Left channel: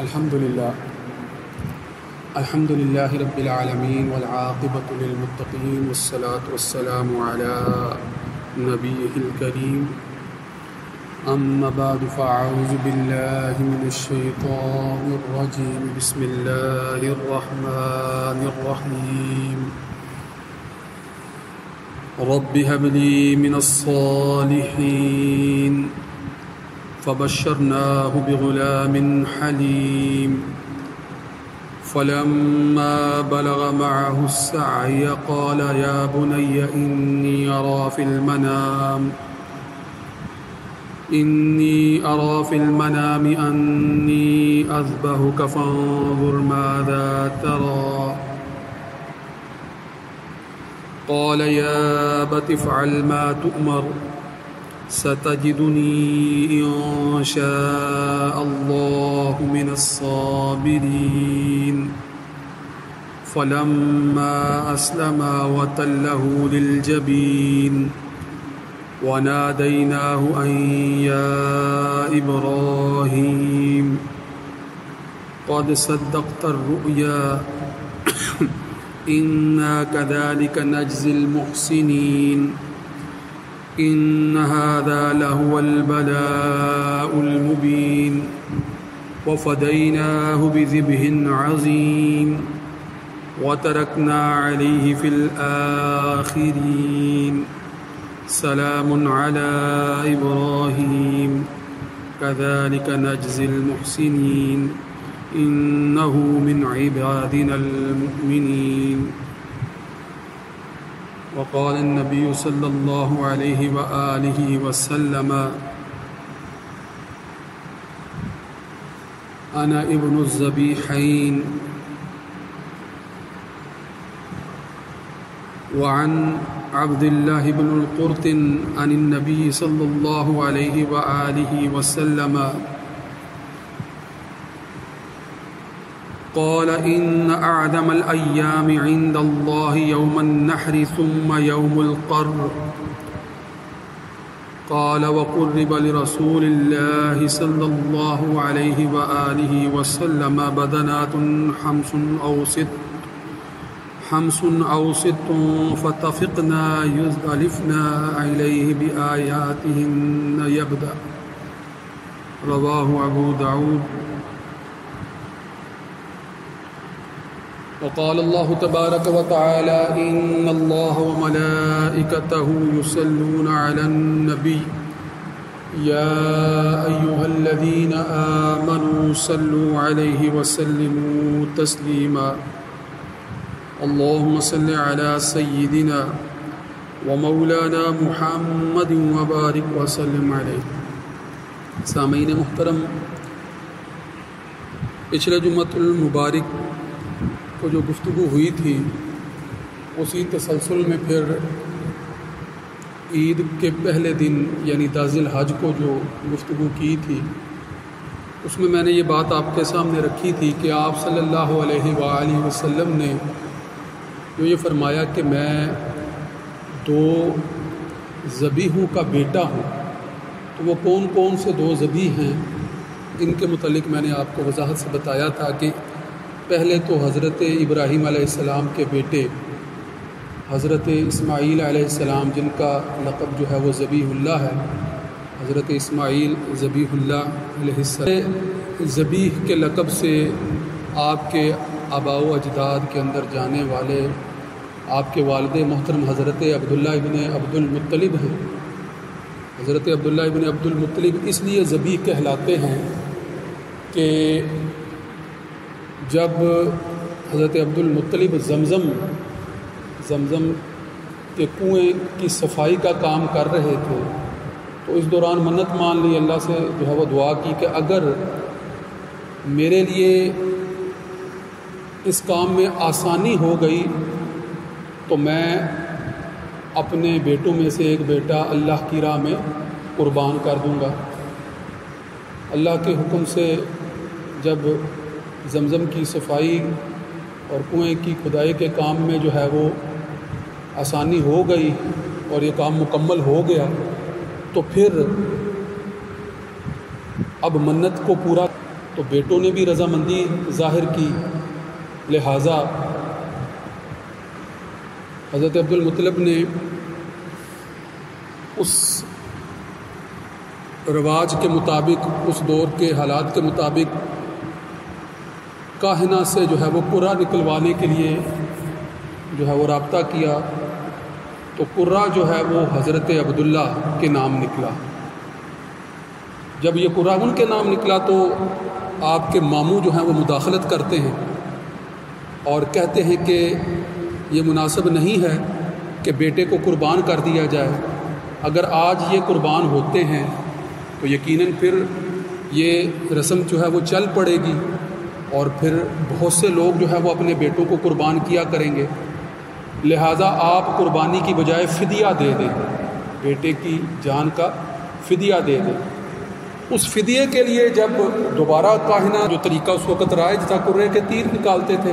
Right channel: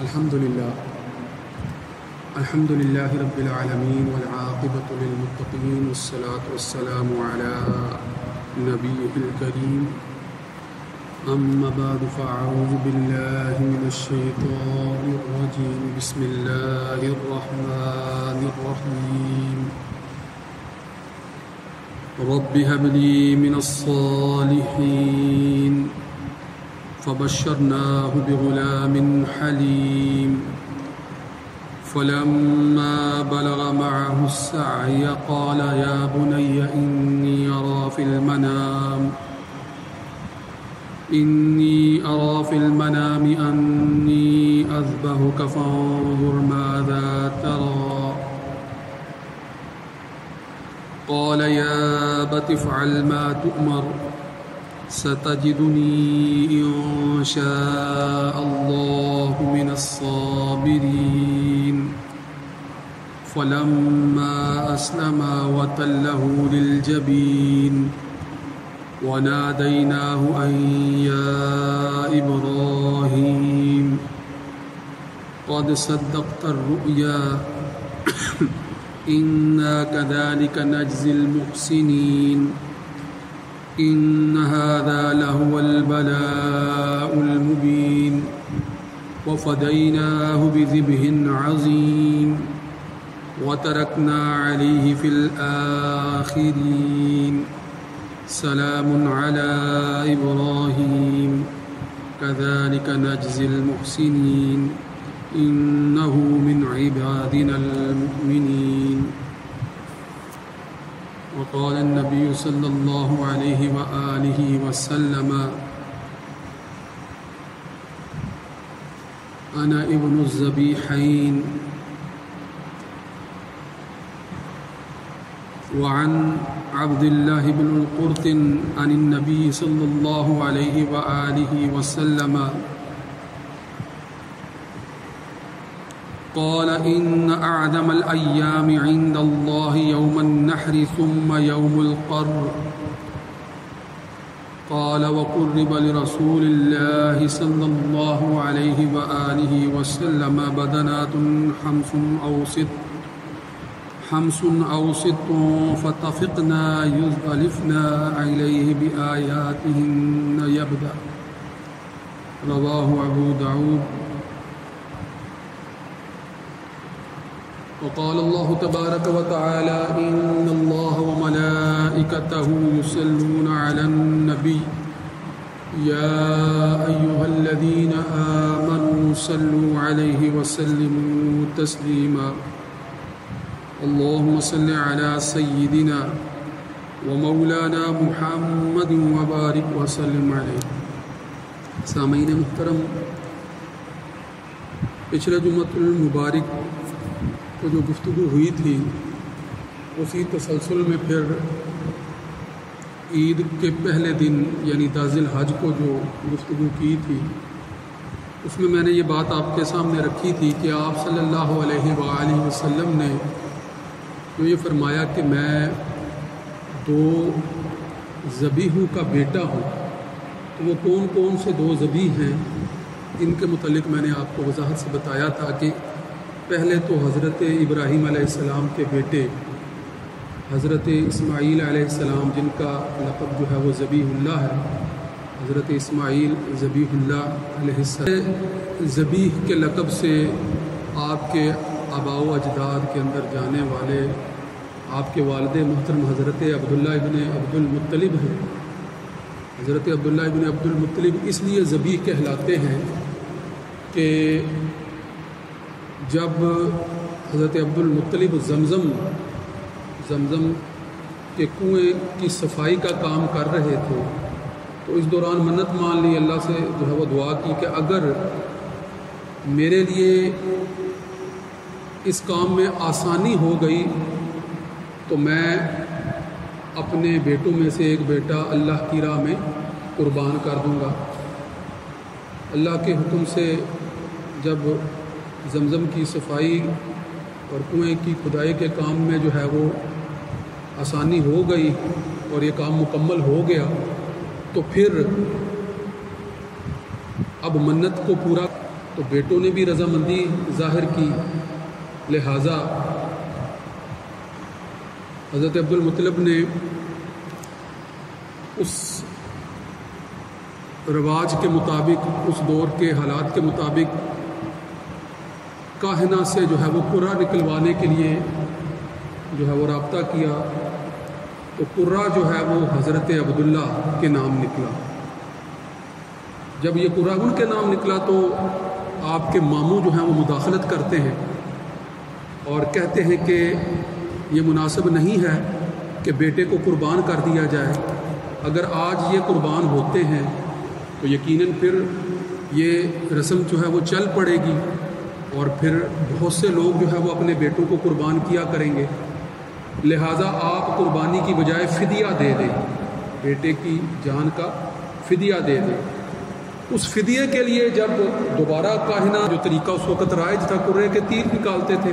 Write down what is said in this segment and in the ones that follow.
الحمد لله رب العالمين والعاقبة للمتقين والصلاة والسلام على نبيه الكريم أما بعد فأعوذ بالله من الشيطان الرجيم بسم الله الرحمن الرحيم رب هب لي من الصالحين فبشرناه بغلام حليم فلما بلغ معه السعي قال يا بني إني أرى في المنام أني أذبحك فانظر ماذا ترى قال يا أبت افعل ما تؤمر ستجدني إن شاء الله من الصابرين فلما أسلما وتله للجبين وناديناه أن يا إبراهيم قد صدقت الرؤيا إنا كذلك نجزي المحسنين إن هذا لهو البلاء المبين وفديناه بذبح عظيم وتركنا عليه في الآخرين سلام على إبراهيم كذلك نجزي المحسنين إنه من عبادنا المؤمنين وقال النبي صلى الله عليه وآله وسلم أنا ابن الذبيحين وعن عبد الله بن القرط عن النبي صلى الله عليه وآله وسلم قال إن أعظم الأيام عند الله يوم النحر ثم يوم القر قال وقرب لرسول الله صلى الله عليه وآله وسلم بدنات حمس أو ست فتفقنا يزلفنا إليه بآياتهن يبدأ رواه أبو داود وقال الله تبارك وتعالى إن الله وملائكته يصلون على النبي يا أيها الذين آمنوا صلوا عليه وسلموا تسليما اللهم صل على سيدنا ومولانا محمد وبارك وسلم عليه. سامعین محترم، پچھلے جمعۃ المبارک کو جو گفتگو ہوئی تھی اسی تسلسل میں پھر عید کے پہلے دن یعنی 10 ذی الحج کو جو گفتگو کی تھی اس میں میں نے یہ بات آپ کے سامنے رکھی تھی کہ آپ صلی اللہ علیہ وآلہ وسلم نے جو یہ فرمایا کہ میں 2 ذبیحوں کا بیٹا ہوں، تو وہ کون کون سے 2 ذبیح ہیں ان کے متعلق میں نے آپ کو وضاحت سے بتایا تھا کہ پہلے تو حضرت ابراہیم علیہ السلام کے بیٹے حضرت اسماعیل علیہ السلام، جن کا لقب جو ہے وہ ذبیح اللہ ہے، حضرت اسماعیل ذبیح اللہ علیہ السلام ذبیح کے لقب سے آپ کے آباء و اجداد کے اندر جانے والے آپ کے والد محترم حضرت عبداللہ ابن عبد المطلب ہیں. حضرت عبداللہ ابن عبد المطلب اس لیے ذبیح کہلاتے ہیں کہ جب حضرت عبد المطلب زمزم کے کنویں کی صفائی کا کام کر رہے تھے تو اس دوران منت مان لی، اللہ سے جو ہے وہ دعا کی کہ اگر میرے لیے اس کام میں آسانی ہو گئی تو میں اپنے بیٹوں میں سے ایک بیٹا اللہ کی راہ میں قربان کر دوں گا. اللہ کے حکم سے جب زمزم کی صفائی اور کنویں کی کھدائی کے کام میں جو ہے وہ آسانی ہو گئی اور یہ کام مکمل ہو گیا تو پھر اب منت کو پورا تو بیٹوں نے بھی رضامندی ظاہر کی، لہٰذا حضرت عبد المطلب نے اس رواج کے مطابق، اس دور کے حالات کے مطابق کاہنہ سے جو ہے وہ قرہ نکلوانے کے لیے جو ہے وہ رابطہ کیا، تو قرہ جو ہے وہ حضرت عبداللہ کے نام نکلا۔ جب یہ قرہ ان کے نام نکلا تو آپ کے ماموں جو ہیں وہ مداخلت کرتے ہیں اور کہتے ہیں کہ یہ مناسب نہیں ہے کہ بیٹے کو قربان کر دیا جائے، اگر آج یہ قربان ہوتے ہیں تو یقیناً پھر یہ رسم جو ہے وہ چل پڑے گی اور پھر بہت سے لوگ جو ہے وہ اپنے بیٹوں کو قربان کیا کریں گے، لہٰذا آپ قربانی کی بجائے فدیہ دے دیں، بیٹے کی جان کا فدیہ دے دیں۔ اس فدیے کے لیے جب دوبارہ کاہنہ، جو طریقہ اس وقت رائج تھا، قرے کے تیر نکالتے تھے،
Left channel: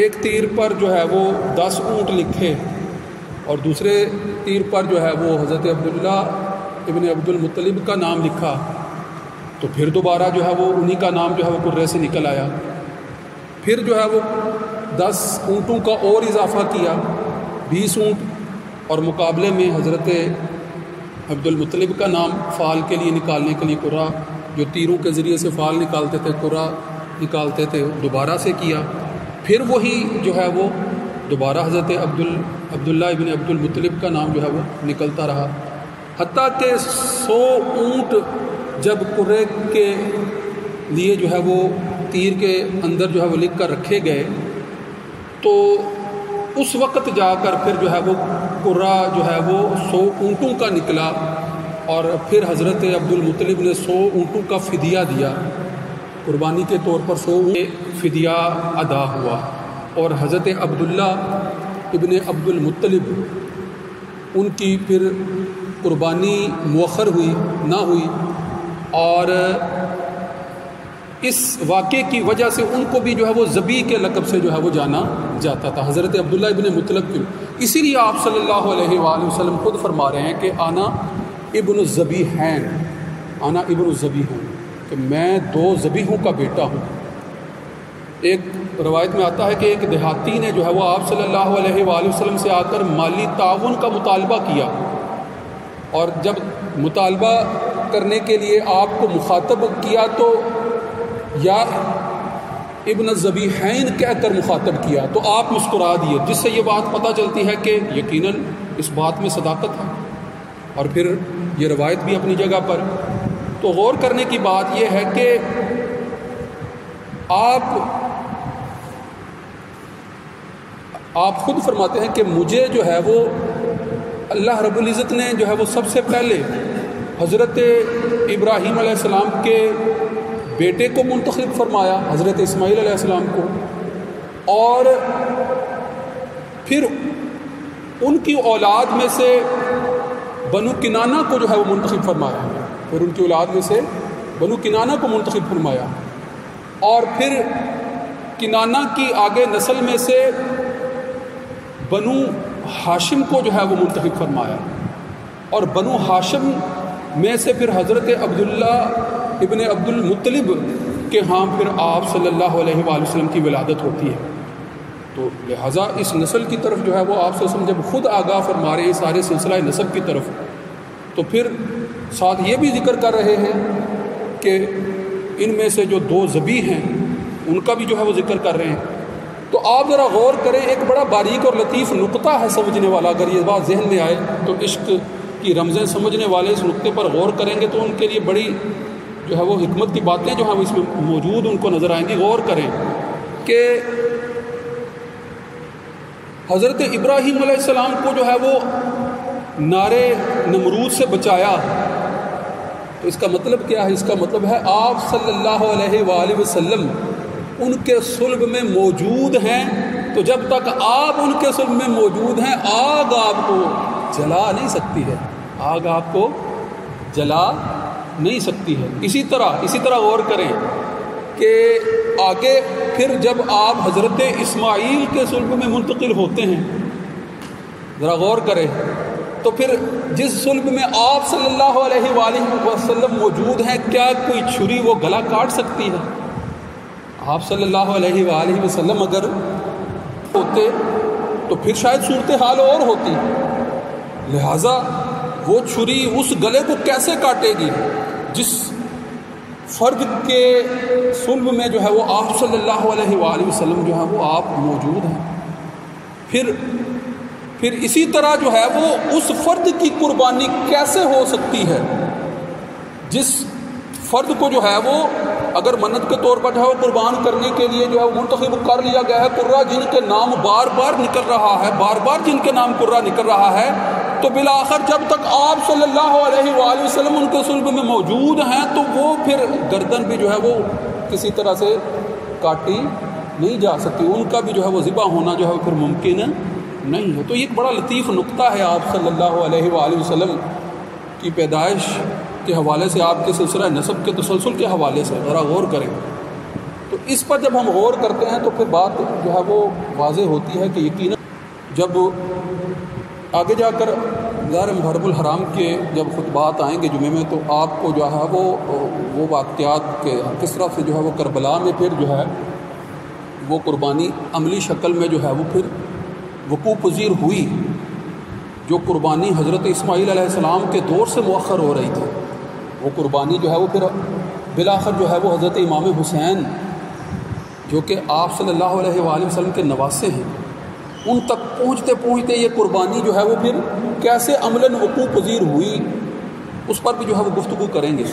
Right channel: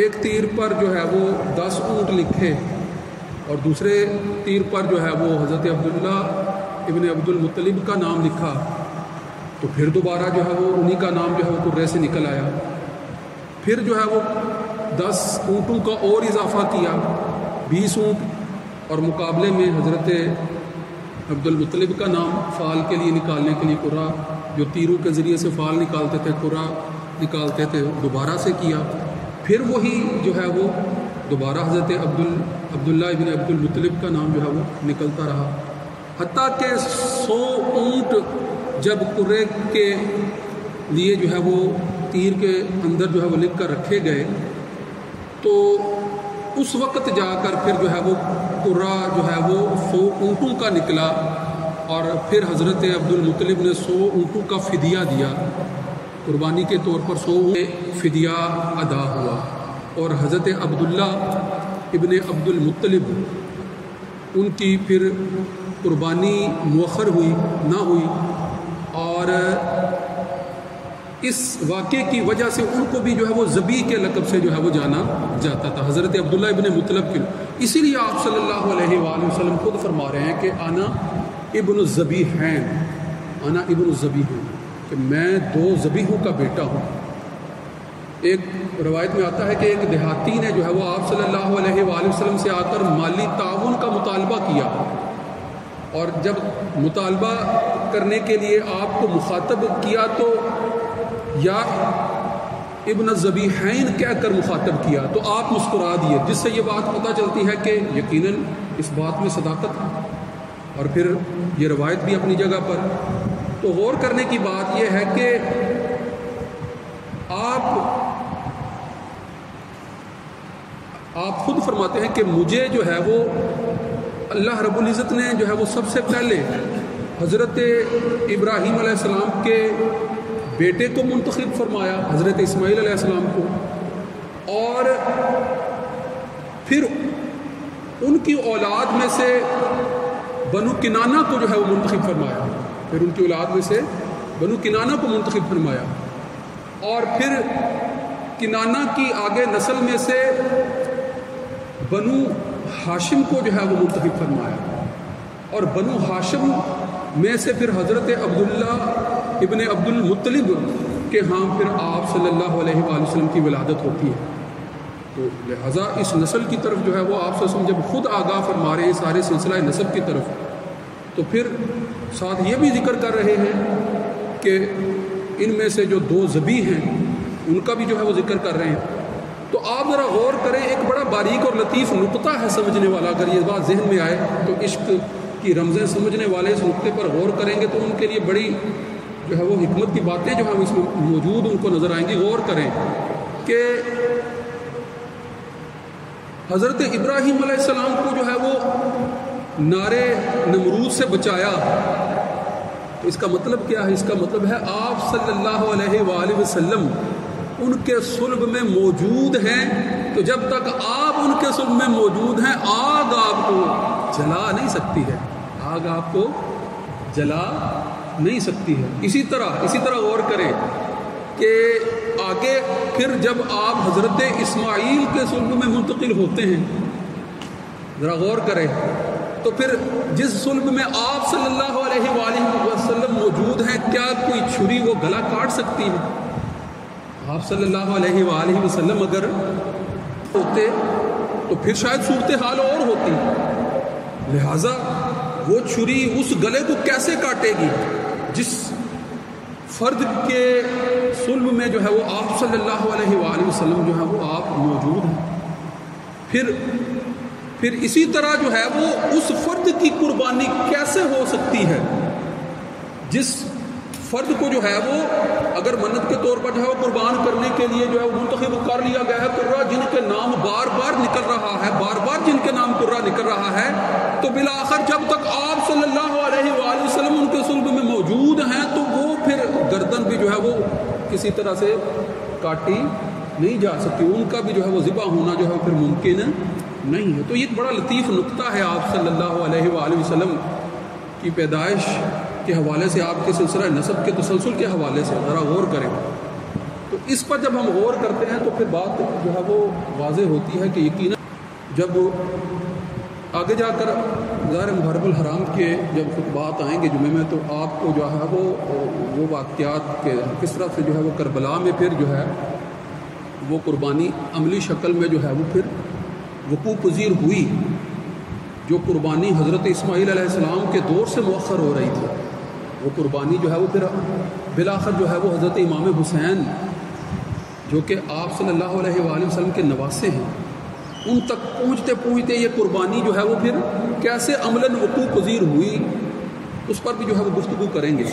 ایک تیر پر جو ہے وہ 10 اونٹ لکھے اور دوسرے تیر پر جو ہے وہ حضرت عبداللہ ابن عبد المطلب کا نام لکھا، تو پھر دوبارہ جو ہے وہ انہی کا نام جو ہے وہ قرے سے نکل آیا۔ پھر جو ہے وہ 10 اونٹوں کا اور اضافہ کیا، 20 اونٹ، اور مقابلے میں حضرت عبد المطلب کا نام فال کے لیے نکالنے کے لیے قرہ، جو تیروں کے ذریعے سے فال نکالتے تھے، قرہ نکالتے تھے، دوبارہ سے کیا۔ پھر وہی جو ہے وہ دوبارہ حضرت عبداللہ ابن عبد المطلب کا نام جو ہے وہ نکلتا رہا، حتیٰ کہ 100 اونٹ جب قرے کے لیے جو ہے وہ تیر کے اندر جو ہے وہ لکھ کر رکھے گئے، تو اس وقت جا کر پھر جو ہے وہ قرہ جو ہے وہ 100 اونٹوں کا نکلا، اور پھر حضرت عبد المطلب نے 100 اونٹوں کا فدیہ دیا، قربانی کے طور پر 100 اونٹ فدیہ ادا ہوا، اور حضرت عبداللہ ابن عبد المطلب ان کی پھر قربانی مؤخر ہوئی نہ ہوئی، اور اس واقعے کی وجہ سے ان کو بھی جو ہے وہ ذبیح کے لقب سے جو ہے وہ جانا جاتا تھا، حضرت عبداللہ ابن مطلب کی۔ اسی لیے آپ صلی اللہ علیہ وآلہ وسلم خود فرما رہے ہیں کہ آنا ابن الذبیحین، آنا ابن الذبیحین، کہ میں 2 ذبیحوں کا بیٹا ہوں۔ ایک روایت میں آتا ہے کہ ایک دیہاتی نے جو ہے وہ آپ صلی اللہ علیہ وآلہ وسلم سے آ کر مالی تعاون کا مطالبہ کیا، اور جب مطالبہ کرنے کے لیے آپ کو مخاطب کیا تو یا ابن الذبیحین کہہ کر مخاطب کیا، تو آپ مسکرا دیے، جس سے یہ بات پتہ چلتی ہے کہ یقیناً اس بات میں صداقت ہے، اور پھر یہ روایت بھی اپنی جگہ پر۔ تو غور کرنے کی بات یہ ہے کہ آپ خود فرماتے ہیں کہ مجھے جو ہے وہ اللہ رب العزت نے جو ہے وہ سب سے پہلے حضرت ابراہیم علیہ السلام کے بیٹے کو منتخب فرمایا، حضرت اسماعیل علیہ السلام کو، اور پھر ان کی اولاد میں سے بنو کنانہ کو جو ہے وہ منتخب فرمایا، پھر ان کی اولاد میں سے بنو کنانہ کو منتخب فرمایا، اور پھر کنانہ کی آگے نسل میں سے بنو ہاشم کو جو ہے وہ منتخب فرمایا، اور بنو ہاشم میں سے پھر حضرت عبداللہ ابن عبد المطلب کے ہاں پھر آپ صلی اللہ علیہ وآلہ وسلم کی ولادت ہوتی ہے۔ تو لہٰذا اس نسل کی طرف جو ہے وہ آپ صلی اللہ علیہ وسلم جب خود آگاہ فرما رہے ہیں سارے سلسلہ نسب کی طرف، تو پھر ساتھ یہ بھی ذکر کر رہے ہیں کہ ان میں سے جو 2 ذبیح ہیں ان کا بھی جو ہے وہ ذکر کر رہے ہیں۔ تو آپ ذرا غور کریں، ایک بڑا باریک اور لطیف نقطہ ہے سمجھنے والا، اگر یہ بات ذہن میں آئے تو عشق کی رمزیں سمجھنے والے اس نقطے پر غور کریں گے تو ان کے لیے بڑی جو ہے وہ حکمت کی باتیں جو ہیں اس میں موجود ان کو نظر آئیں گی۔ غور کریں کہ حضرت ابراہیم علیہ السلام کو جو ہے وہ نارے نمرود سے بچایا، تو اس کا مطلب کیا ہے؟ اس کا مطلب ہے آپ صلی اللہ علیہ وآلہ وسلم ان کے صلب میں موجود ہیں، تو جب تک آپ ان کے صلب میں موجود ہیں آگ آپ کو جلا نہیں سکتی ہے، آگ آپ کو جلا نہیں سکتی ہے۔ اسی طرح غور کریں کہ آگے پھر جب آپ حضرت اسماعیل کے صلب میں منتقل ہوتے ہیں، ذرا غور کریں تو پھر جس صلب میں آپ صلی اللہ علیہ وآلہ وسلم موجود ہیں، کیا کوئی چھری وہ گلا کاٹ سکتی ہے؟ آپ صلی اللہ علیہ وآلہ وسلم اگر ہوتے تو پھر شاید صورتحال اور ہوتی، لہذا وہ چھری اس گلے کو کیسے کاٹے گی جس فرد کے صلب میں جو ہے وہ آپ صلی اللہ علیہ وآلہ وسلم جو ہے وہ آپ موجود ہیں۔ پھر اسی طرح جو ہے وہ اس فرد کی قربانی کیسے ہو سکتی ہے جس فرد کو جو ہے وہ اگر منت کے طور پر جو ہے وہ قربان کرنے کے لیے جو ہے وہ منتخب کر لیا گیا ہے، قرہ جن کے نام بار بار نکل رہا ہے، بار بار جن کے نام قرہ نکل رہا ہے، تو بالآخر جب تک آپ صلی اللہ علیہ وآلہ وسلم ان کے صلب میں موجود ہیں تو وہ پھر گردن بھی جو ہے وہ کسی طرح سے کاٹی نہیں جا سکتی، ان کا بھی جو ہے وہ ذبح ہونا جو ہے وہ پھر ممکن نہیں ہے۔ تو یہ ایک بڑا لطیف نقطہ ہے آپ صلی اللہ علیہ وآلہ وسلم کی پیدائش کے حوالے سے، آپ کے سلسلہ نسب کے تسلسل کے حوالے سے ذرا غور کریں۔ تو اس پر جب ہم غور کرتے ہیں تو پھر بات جو ہے وہ واضح ہوتی ہے کہ یقیناً جب آگے جا کر ظاہر محرم الحرام کے جب خطبات آئیں گے جمعے میں تو آپ کو جو ہے وہ واقعات کے کس طرح سے جو ہے وہ کربلا میں پھر جو ہے وہ قربانی عملی شکل میں جو ہے وہ پھر وقوع پذیر ہوئی، جو قربانی حضرت اسماعیل علیہ السلام کے دور سے مؤخر ہو رہی تھی، وہ قربانی جو ہے وہ پھر بالآخر جو ہے وہ حضرت امام حسین جو کہ آپ صلی اللہ علیہ وآلہ وسلم کے نواسے ہیں، ان تک پہنچتے پہنچتے یہ قربانی جو ہے وہ پھر کیسے عملاً وقوع پذیر ہوئی اس پر بھی جو ہے وہ گفتگو کریں گے۔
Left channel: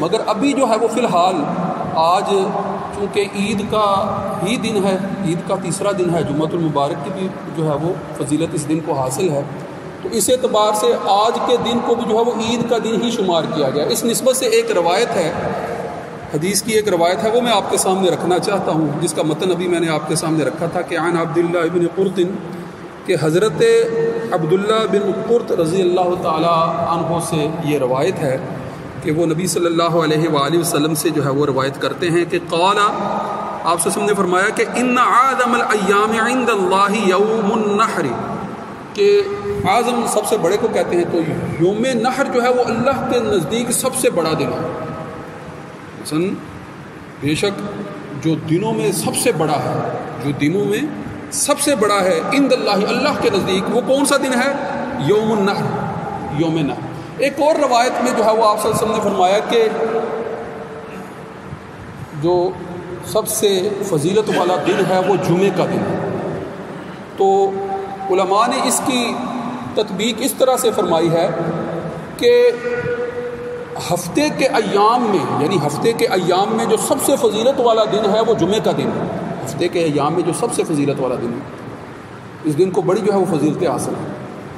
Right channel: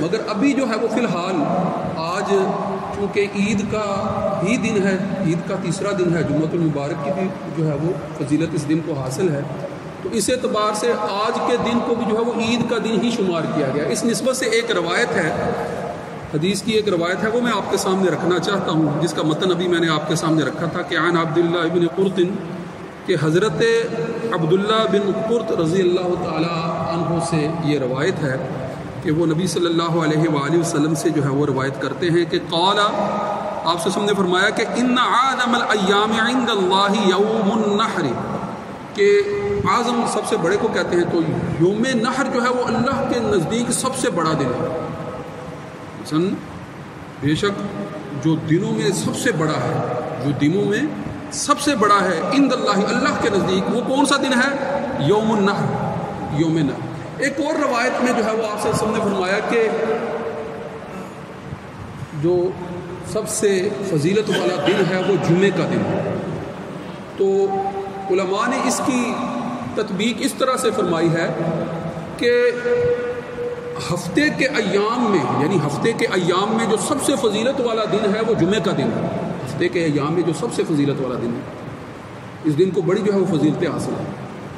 مگر ابھی جو ہے وہ فی الحال آج چونکہ عید کا ہی دن ہے، عید کا تیسرا دن ہے، جمعۃ المبارک کی بھی جو ہے وہ فضیلت اس دن کو حاصل ہے، تو اس اعتبار سے آج کے دن کو بھی جو ہے وہ عید کا دن ہی شمار کیا گیا۔ اس نسبت سے ایک روایت ہے، حدیث کی ایک روایت ہے، وہ میں آپ کے سامنے رکھنا چاہتا ہوں، جس کا متن ابھی میں نے آپ کے سامنے رکھا تھا کہ عن عبداللہ ابن قرط، کہ حضرت عبداللہ بن قرط رضی اللہ تعالی عنہ سے یہ روایت ہے کہ وہ نبی صلی اللہ علیہ وآلہ وسلم سے جو ہے وہ روایت کرتے ہیں کہ قال، آپ سے نے فرمایا کہ ان اعظم الایام عند اللہ یوم النحر، کہ اعظم سب سے بڑے کو کہتے ہیں، تو یوم نحر جو ہے وہ اللہ کے نزدیک سب سے بڑا دن ہے۔ بے شک جو دنوں میں سب سے بڑا ہے، جو دنوں میں سب سے بڑا ہے عند اللہ، اللہ کے نزدیک، وہ کون سا دن ہے؟ یوم النحر، یوم نحر۔ ایک اور روایت میں جو ہے وہ آپ صلی اللہ علیہ وسلم نے فرمایا کہ جو سب سے فضیلت والا دن ہے وہ جمعے کا دن ہے۔ تو علماء نے اس کی تطبیق اس طرح سے فرمائی ہے کہ ہفتے کے ایام میں، یعنی ہفتے کے ایام میں جو سب سے فضیلت والا دن ہے وہ جمعے کا دن ہے۔ ہفتے کے ایام میں جو سب سے فضیلت والا دن ہے، اس دن کو بڑی جو ہے وہ فضیلتیں حاصل ہیں۔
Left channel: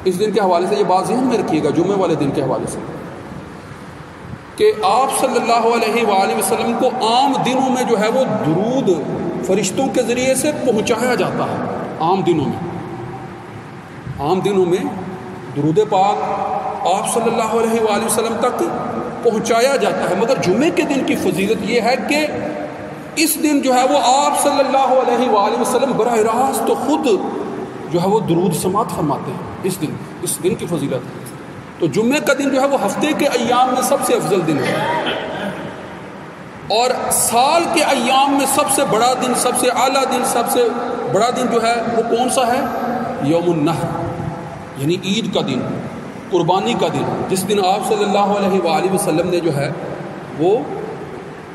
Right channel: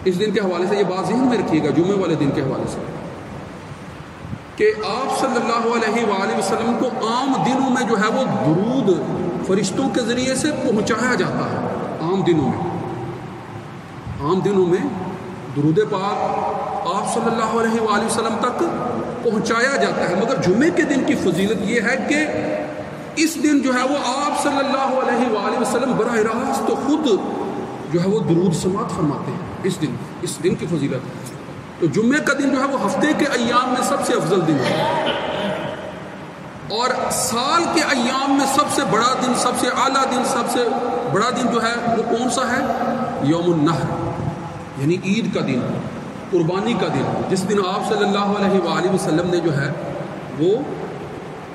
اس دن کے حوالے سے یہ بات ذہن میں رکھیے گا، جمعے والے دن کے حوالے سے، کہ آپ صلی اللہ علیہ وآلہ وسلم کو عام دنوں میں جو ہے وہ درود فرشتوں کے ذریعے سے پہنچایا جاتا ہے۔ عام دنوں میں درود پاک آپ صلی اللہ علیہ وآلہ وسلم تک پہنچایا جاتا ہے، مگر جمعے کے دن کی فضیلت یہ ہے کہ اس دن جو ہے وہ آپ صلی اللہ علیہ وآلہ وسلم براہ راست تو خود جو ہے وہ درود سماعت فرماتے ہیں۔ اس دن کی فضیلت، تو جمعے کا دن جو ہے وہ ہفتے کے ایام میں سب سے افضل دن ہے، اور سال کے ایام میں سب سے بڑا دن، سب سے اعلیٰ دن، سب سے بڑا دن جو ہے وہ کون سا ہے؟ یوم النحر، یعنی عید کا دن، قربانی کا دن، جس دن آپ صلی اللہ علیہ وآلہ وسلم نے جو ہے وہ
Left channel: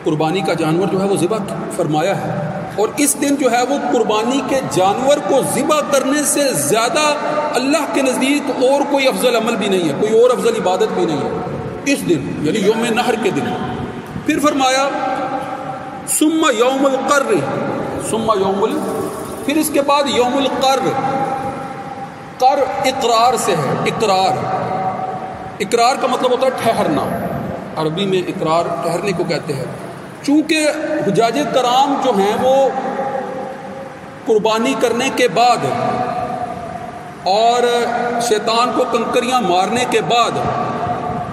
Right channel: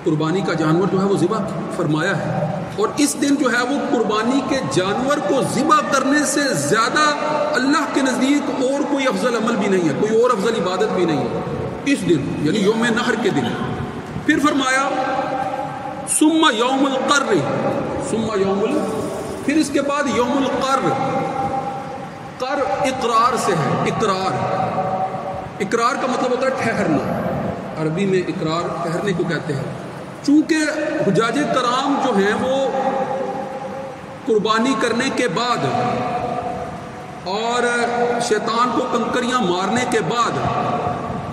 قربانی کا جانور جو ہے وہ ذبح فرمایا ہے۔ اور اس دن جو ہے وہ قربانی کے جانور کو ذبح کرنے سے زیادہ اللہ کے نزدیک اور کوئی افضل عمل بھی نہیں ہے، کوئی اور افضل عبادت بھی نہیں ہے اس دن، یعنی یوم نحر کے دن۔ پھر فرمایا ثم یوم القر، پھر اس کے بعد یوم القر۔ قر اقرار سے ہے، اقرار کا مطلب ہوتا ہے ٹھہرنا، عربی میں اقرار ٹھہرنے کو کہتے ہیں۔ چونکہ حجاج کرام جو ہیں وہ قربانی کرنے کے بعد اور شیطان کو کنکریاں مارنے کے بعد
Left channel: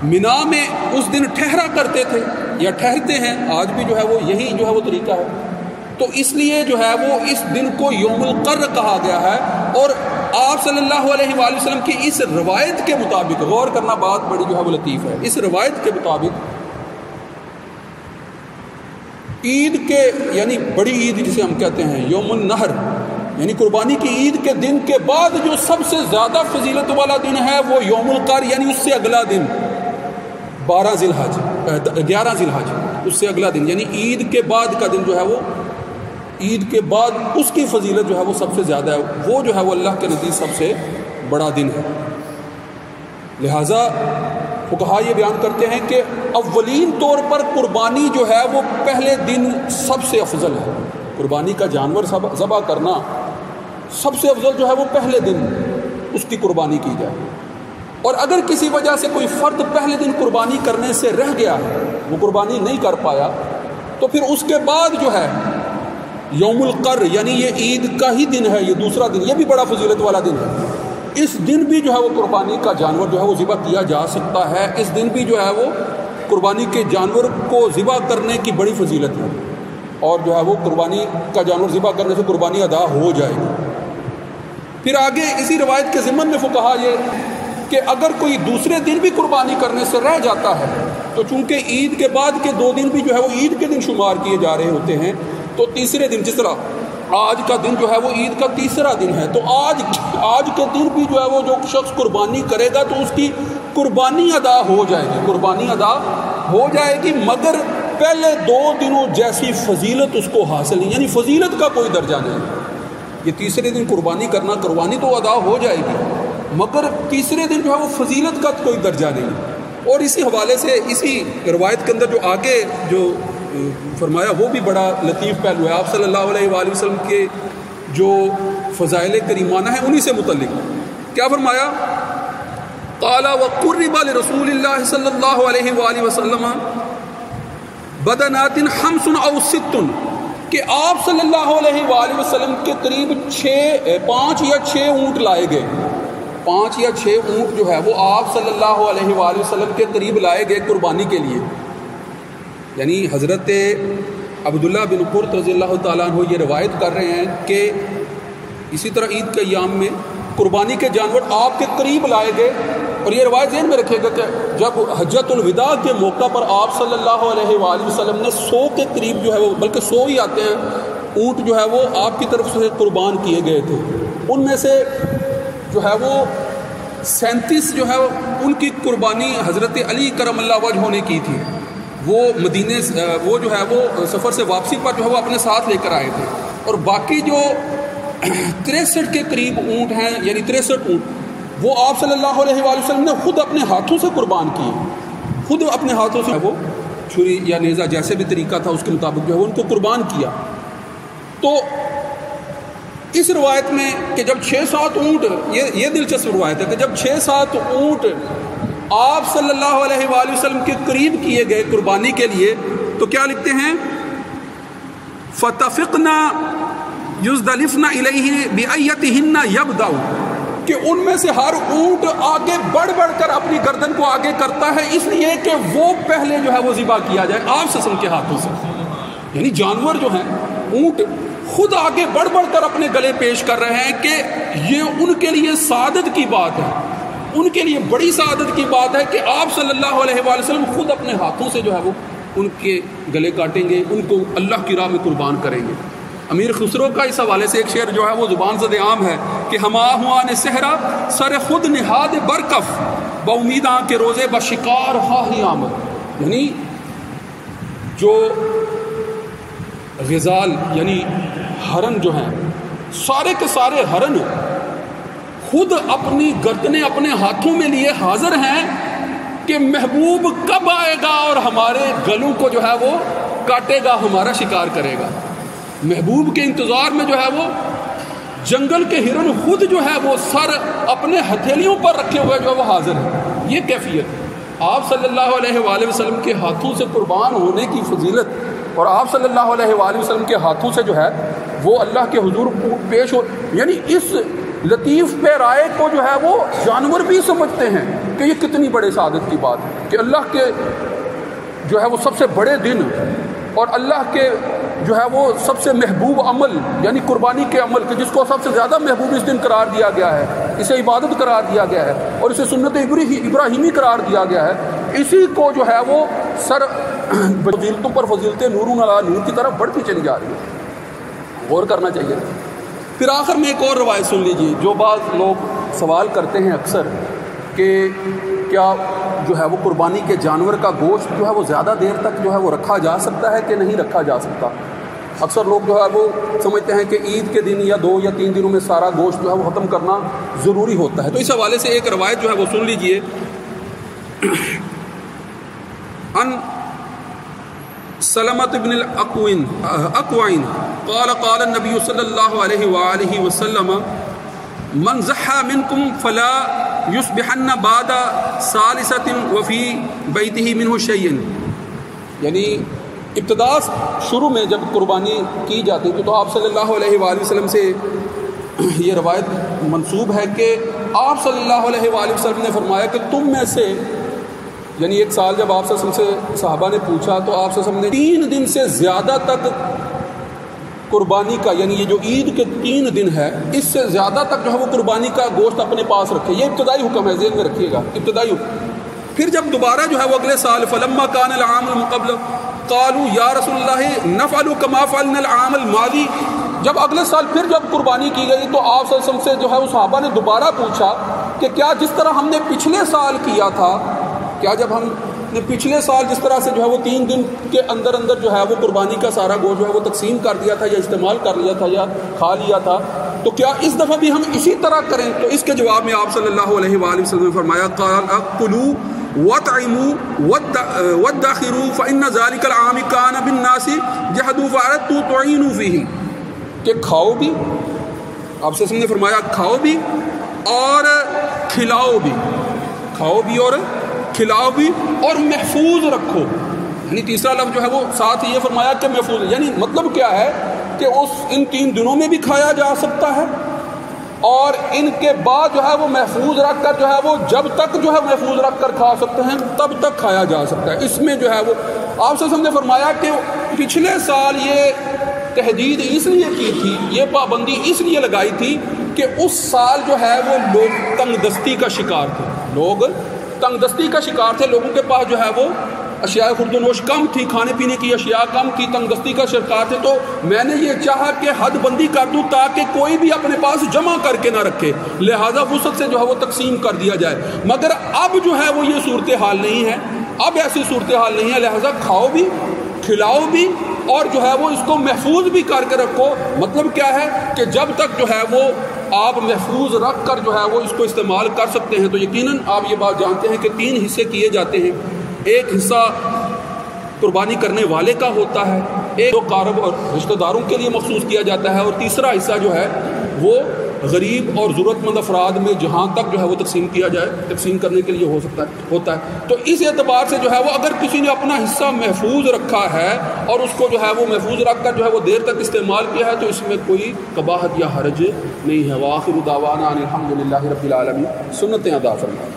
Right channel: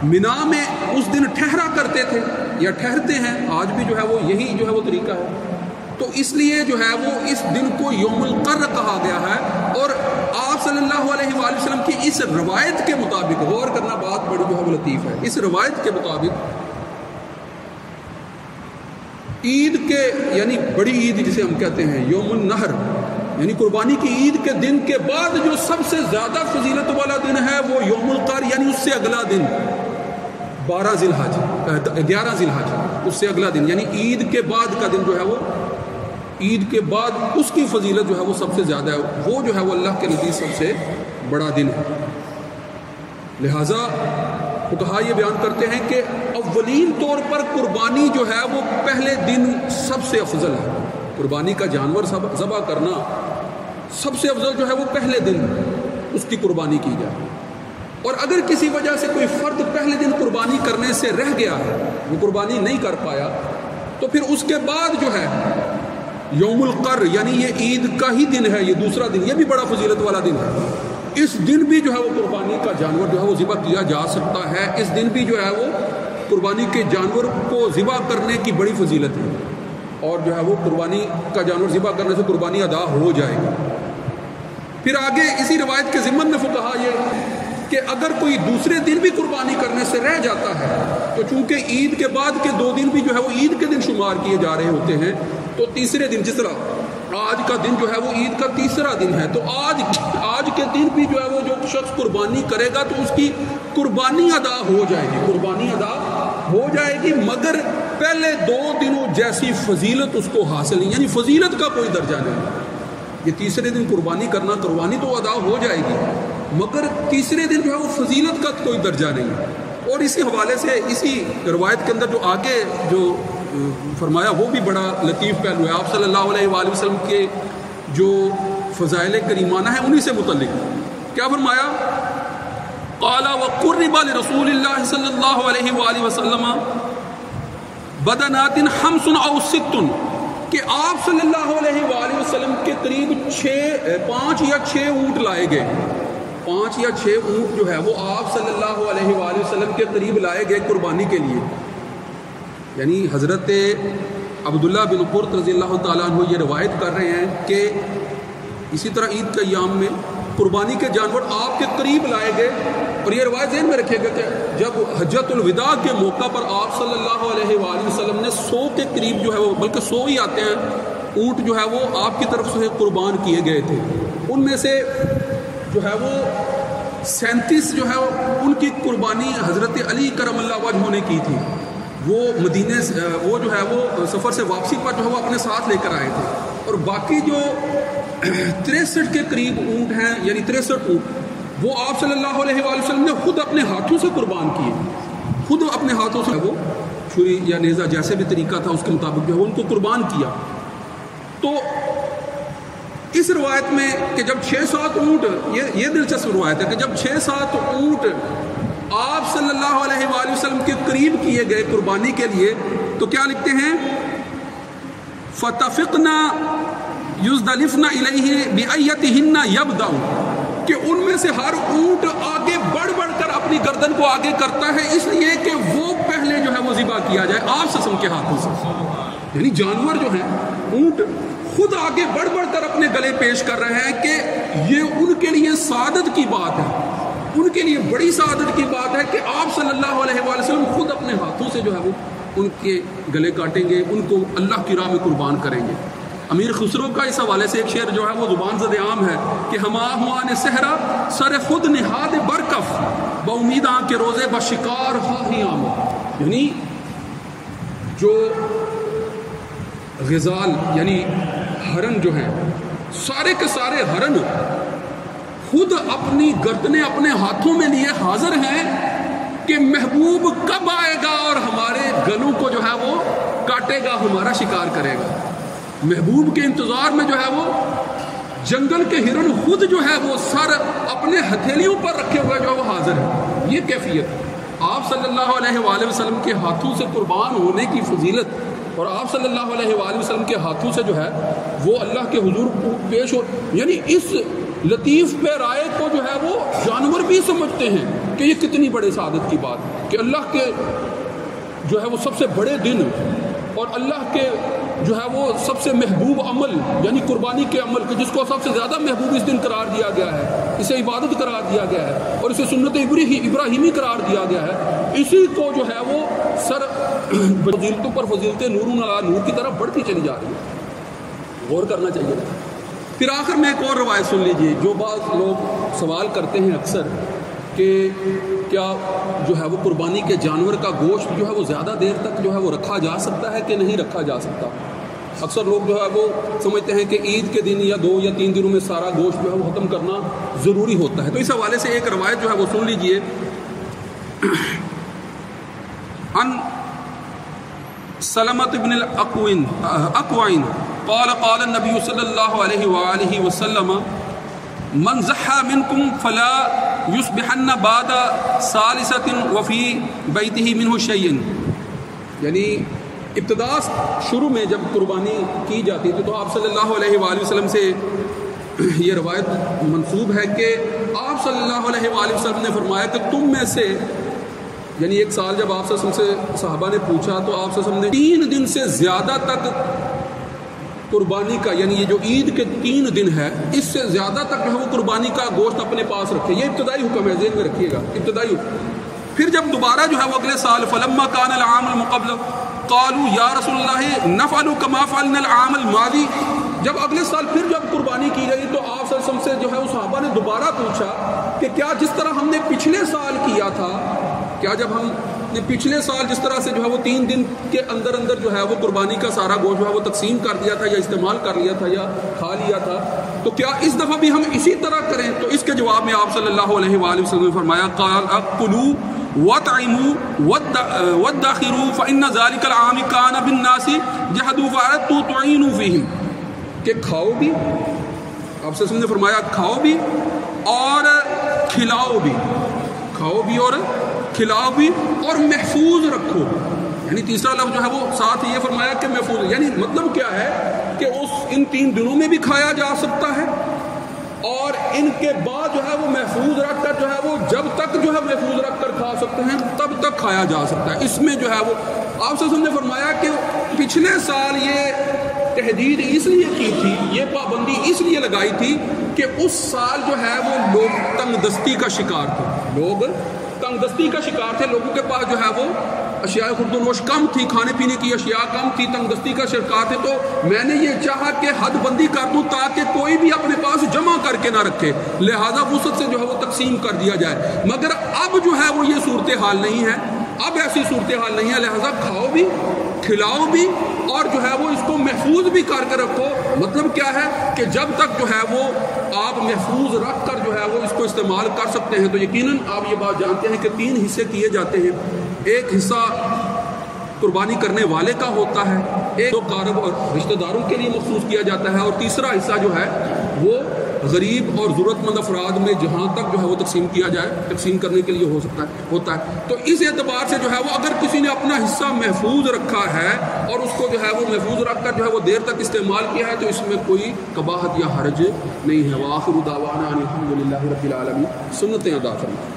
منا میں اس دن ٹھہرا کرتے تھے یا ٹھہرتے ہیں، آج بھی جو ہے وہ یہی جو ہے وہ طریقہ ہے۔ تو اس لیے جو ہے وہ اس دن کو یوم القر کہا گیا ہے، اور آپ صلی اللہ علیہ وآلہ وسلم کی اس روایت کے مطابق، غور کرنا بات بڑی جو ہے وہ لطیف ہے، اس روایت کے مطابق عید کے یعنی بڑی عید جسے ہم کہتے ہیں یوم النحر یعنی قربانی کی عید کے دن کے بعد جو سب سے زیادہ فضیلت والا دن ہے وہ یوم القر یعنی اس سے اگلا دن 11 ذی الحج، اس سے اگلا دن یعنی عید کے بعد کا دن جو ہے وہ عید کے بعد اس کی فضیلت جو ہے وہ سب سے زیادہ ہے، وہ جو ہے وہ اللہ کے نزدیک سب سے بڑا دن ہے۔ لہذا فقہا یہ بیان کرتے ہیں کہ اولین طور پر قربانی جو ہے وہ پہلے دن سب سے افضل ہے، قربانی کا جانور ذبح کرنا سب سے افضل جو ہے وہ پہلے دن اس کی قربانی کی جائے، اور اگر کسی وجہ سے کوئی فرد پہلے دن قربانی کرنے سے رہ گیا ہے، وہ قربانی نہیں کر پایا، تو پھر اس کے بعد جو ہے یوم القر یعنی یہ عید کا ہی دن ہے، یہ دوسرا دن، یہ بھی بڑا فضیلت والا دن ہے، اس دن بھی جو ہے وہ قربانی کا جانور جو ہے وہ ذبح کیا جا سکتا ہے، اس دن بھی جو ہے وہ قربانی کے جانور کو ذبح کرنے کی بڑی فضیلت ہے، اور جو ہے وہ قربانی کا جانور ذبح کرنے سے قربانی ادا ہو جائے گی۔ پھر آگے اسی روایت کے ضمن میں فقہا یہ کہ اگر کوئی دوسرے دن بھی قربانی کرنے سے رہ جاتا ہے تو چونکہ عید کے بعد کے 2 دن بھی جو ہے وہ عید کے دن شمار کیے جا رہے ہوتے ہیں، تو تیسرے دن جس طرح آج کا دن جو ہے وہ عید کا تیسرا دن ہے، تو آج کے دن بھی جو ہے وہ جو شخص قربانی کرے گا تو اس کی قربانی ادا ہو جائے گی، قربانی ادا ہو جائے گی، مگر پہلے 2 دنوں جیسی فضیلت اس کو حاصل نہیں، یعنی فضیلت کا کوئی درجہ نہیں۔ یہ تیسرے دن قربانی کرنا، قربانی تو ادا ہو جائے گی مگر تیسرے دن جو ہے وہ فضیلت کا کوئی درجہ نہیں۔ اور اسی حوالے سے اسی روایت کے اندر جو آگے جو فرمایا وہ بھی بڑا لطیف پہلو ہے، آپ صلی اللہ علیہ وآلہ وسلم کے جو فضائل کریمانہ ہیں انہی سے متعلق کیا فرمایا؟ قال وقرب لرسول اللہ صلی اللہ علیہ وآلہ وسلم بدنات 5 أو 6 کہ آپ صلی اللہ علیہ وآلہ وسلم کے قریب 5 یا 6 اونٹ لائے گئے، 5 یا 6 اونٹ جو ہے وہ آپ صلی اللہ علیہ وآلہ وسلم کے قریب لائے گئے قربانی کے لیے۔ یعنی حضرت عبداللہ بن قرط رضی اللہ تعالیٰ عنہ یہ روایت کر رہے ہیں کہ اسی طرح عید کے ایام میں قربانی کے جانور آپ کے قریب لائے گئے، اور یہ روایت ذہن میں رکھے گا کہ جب حجۃ الوداع کے موقع پر آپ صلی اللہ علیہ وآلہ وسلم نے 100 کے قریب جو ہے وہ، بلکہ 100 ہی آتے ہیں اونٹ جو ہے وہ آپ کی طرف سے قربان کیے گئے تھے، ان میں سے جو ہے وہ 37 جو ہے ان کی قربانی حضرت علی کرم اللہ وجہہ نے کی تھی، وہ مدینے وہ جو ہے وہ سفر سے واپسی پر جو ہے وہ اپنے ساتھ لے کر آئے تھے، اور باقی جو 63 کے قریب اونٹ ہیں یعنی 63 اونٹ وہ آپ صلی اللہ علیہ وآلہ وسلم نے خود اپنے ہاتھوں سے قربان کیے، خود اپنے ہاتھوں سے وہ چھری یا نیزہ جیسے بھی طریقہ تھا اس کے مطابق جو ہے ان کو قربان کیا۔ تو اس روایت میں کہ جب 6-7 اونٹ، یہ دلچسپ روایت ہے کہ جب 6-7 اونٹ آپ صلی اللہ علیہ وآلہ وسلم کے قریب کیے گئے قربانی کے لیے، تو کیا لکھتے ہیں؟ فَتَفِقْنَا يُزْدَلِفْنَا إِلَيْهِ بِأَيَّتِهِنَّ يَبْدَأُ کہ ان میں سے ہر اونٹ آگے بڑھ کر اپنی گردن کو آگے کرتا ہے اس لیے کہ وہ پہلے جو ہے وہ ذبح کیا جائے آپ وسلم کے ہاتھوں سے، یعنی جانور جو ہیں اونٹ خود آگے بڑھ کر اپنے گلے پیش کر رہے ہیں کہ یہ ان کے لیے سعادت کی بات ہے، ان کے لیے بڑی سعادت کی بات ہے کہ آپ صلی اللہ علیہ وآلہ وسلم خود اپنے ہاتھوں سے جو ہے وہ ان کے گلے کاٹیں گے، ان کو اللہ کی راہ میں قربان کریں گے۔ امیر خسرو کا اس حوالے سے ایک شعر جو ہے وہ زبان زد عام ہے کہ ہما ہوا نے صحرا سر خود نہاد برکف با امید آن کے روزے با شکار خواہی آمد، یعنی جو غزال یعنی ہرن جو ہیں سارے کے سارے ہرن خود اپنی گردنیں اپنے ہاتھوں میں لیے حاضر ہیں کہ محبوب کب آئے گا اور ہمارے گلوں کو جو ہے وہ کاٹے گا، ہمارا شکار کرے گا۔ محبوب کے انتظار میں جو ہے وہ جنگل کے ہرن خود جو ہے وہ سر اپنے ہتھیلیوں پر رکھے ہوئے جو ہے وہ حاضر ہے۔ یہ کیفیت آپ صلی اللہ علیہ وآلہ وسلم کے ہاتھوں سے قربان ہونے کی فضیلت، اور آپ صلی اللہ علیہ وآلہ وسلم کے ہاتھوں سے جو ہے وہ اللہ کے حضور پیش ہو، یعنی اس لطیف پیرائے کو جو ہے وہ جانور بھی سمجھتے ہیں کہ یہ کتنی بڑے سعادت کی بات ہے کہ اللہ کے جو ہے وہ سب سے بڑے دن اور اللہ کے جو ہے وہ سب سے محبوب عمل یعنی قربانی کے عمل کے جس کو سب سے زیادہ محبوب اس دن قرار دیا گیا ہے، اسے عبادت قرار دیا گیا ہے اور اسے سنت ابراہیمی قرار دیا گیا ہے، اسی کو جو ہے وہ سر فضیلتوں پر فضیلتیں نور علی نور کی طرف بڑھتی چلی جا رہی ہے، غور کرنا چاہیے۔ پھر آخر میں ایک اور روایت سن لیجیے، جو بعض لوگ سوال کرتے ہیں اکثر کہ کیا جو ہے وہ قربانی کے جانور کا گوشت جو ہے وہ زیادہ دیر تک جو ہے وہ رکھا جا سکتا ہے کہ نہیں رکھا جا سکتا؟ اکثر لوگ جو ہے وہ سمجھتے ہیں کہ عید کے دن یا 2 یا 3 دنوں میں سارا گوشت جو ہے وہ ختم کرنا ضروری ہوتا ہے۔ تو اس حوالے سے ایک روایت جو ہے وہ سن لیجئے، ان سلمۃ بن الاقوین قال قال النبی صلی اللہ علیہ وآلہ وسلم من ضحى منکم فلا یصبحن بعد ثالثۃ وفی بیتہ منہ شیء، یعنی ابتدا شروع میں جب قربانی کی جاتی تھی تو آپ صلی اللہ علیہ وآلہ وسلم سے یہ روایت منسوب ہے کہ آپ صلی اللہ علیہ وآلہ وسلم نے فرمایا کہ تم میں سے، یعنی ایک سال جب آپ صلی اللہ علیہ وسلم سے صحابہ نے پوچھا تو آپ صلی اللہ علیہ وسلم نے 3 دن سے زیادہ تک قربانی کا، یعنی یہ جو عید کے 3 دن ہے اس سے زیادہ تک جو ہے وہ قربانی کا گوشت اپنے پاس رکھے۔ یہ ابتدائی حکم ہے، ذہن میں رکھیے گا، ابتدائی حکم۔ پھر جب دوبارہ جو ہے وہ اگلے سال فلما کان العام المقبل قالوا یا رسول اللہ نفعل کما فعلنا العام الماضی، جب اگلے سال پھر جب قربانی کی گئی تو آپ صلی اللہ علیہ وسلم سے جو ہے وہ صحابہ نے دوبارہ پوچھا کہ کیا جس طرح ہم نے پچھلے سال کیا تھا، کیا جب ہم نے پچھلے سال جس طرح سے جو ہے وہ 3 دن کے اندر اندر جو ہے وہ قربانی کا سارا گوشت جو ہے وہ تقسیم کر دیا تھا یا استعمال کر لیا تھا یا کھا لیا تھا، تو کیا اس دفعہ بھی ہم اسی طرح کریں؟ تو اس کے جواب میں آپ صلی اللہ علیہ وآلہ وسلم نے فرمایا قال اکلوا وَطْعِمُوا وَادَّخِرُوا فَإِنَّ ذَلِكَ الْعَامِ كَانَ بِالنَّاسِ جَحَدُوا فَأَرَدتُّ تُعِينُوا فِيهِمْ، کہ کھاؤ بھی، آپ سے نے فرمایا کھاؤ بھی اور کھلاؤ بھی، کھاؤ بھی اور کھلاؤ بھی اور محفوظ رکھو، یعنی تیسرا لفظ جو ہے وہ ساتھ یہ فرمایا کہ محفوظ، یعنی مطلب کیا ہے کہ ان 3 دنوں میں بھی کھایا جا سکتا ہے اور ان کے بعد جو ہے وہ محفوظ رکھ کر جو ہے وہ جب تک جو ہے محفوظ رکھ کر کھا سکتے ہیں تب تک کھایا جا سکتا ہے۔ اس میں جو ہے وہ آپ سے نے فرمایا کہ پچھلے سال یہ تحدید اس لیے کی تھی، یہ پابندی اس لیے لگائی تھی کہ اس سال جو ہے وہ لوگ تنگ دستی کا شکار تھے، لوگ تنگ دستی کا شکار تھے، لوگوں کے پاس جو ہے وہ اشیاء خورد و نوش کم تھی، کھانے پینے کی اشیاء کم تھی، تنگ دستی کا شکار تھے، تو میں نے یہ چاہا کہ حد بندی کر دوں تاکہ کوئی بھی اپنے پاس جمع کر کے نہ رکھے، لہذا وسعت سے جو ہے وہ تقسیم کر دیا جائے، مگر اب جو ہے وہ یہ صورتحال نہیں ہے، اب ایسی صورتحال نہیں ہے، لہذا کھاؤ بھی کھلاؤ بھی اور جو ہے وہ اس کو محفوظ بھی کر کے رکھو۔ مطلب کیا ہے کہ جب تک جو ہے وہ آپ محفوظ رکھ کر جو ہے وہ اس کو استعمال کر سکتے ہیں۔ تو یقیناً آپ یہ بات جانتے ہیں کہ 3 حصے کیے جاتے ہیں، ایک حصہ قربانی کرنے والے کا ہوتا ہے، ایک کارب اور رشتہ داروں کے لیے مخصوص کیا جاتا ہے، اور تیسرا حصہ جو ہے وہ غریب اور ضرورت مند افراد میں جہاں تک جو ہے وہ تقسیم کیا جائے، تقسیم کرنے کے لیے ہوتا ہے۔ تو اس اعتبار سے جو ہے وہ اگر کسی نے اپنا حصہ محفوظ رکھا ہے اور اس کو جو ہے وہ محفوظ رکھ کر جو ہے وہ دیر تک استعمال کیا ہے تو اس میں کوئی قباحت یا حرج نہیں ہے۔ وآخر دعوانا ان الحمد للہ رب العالمین، سنتیں ادا فرمائیں۔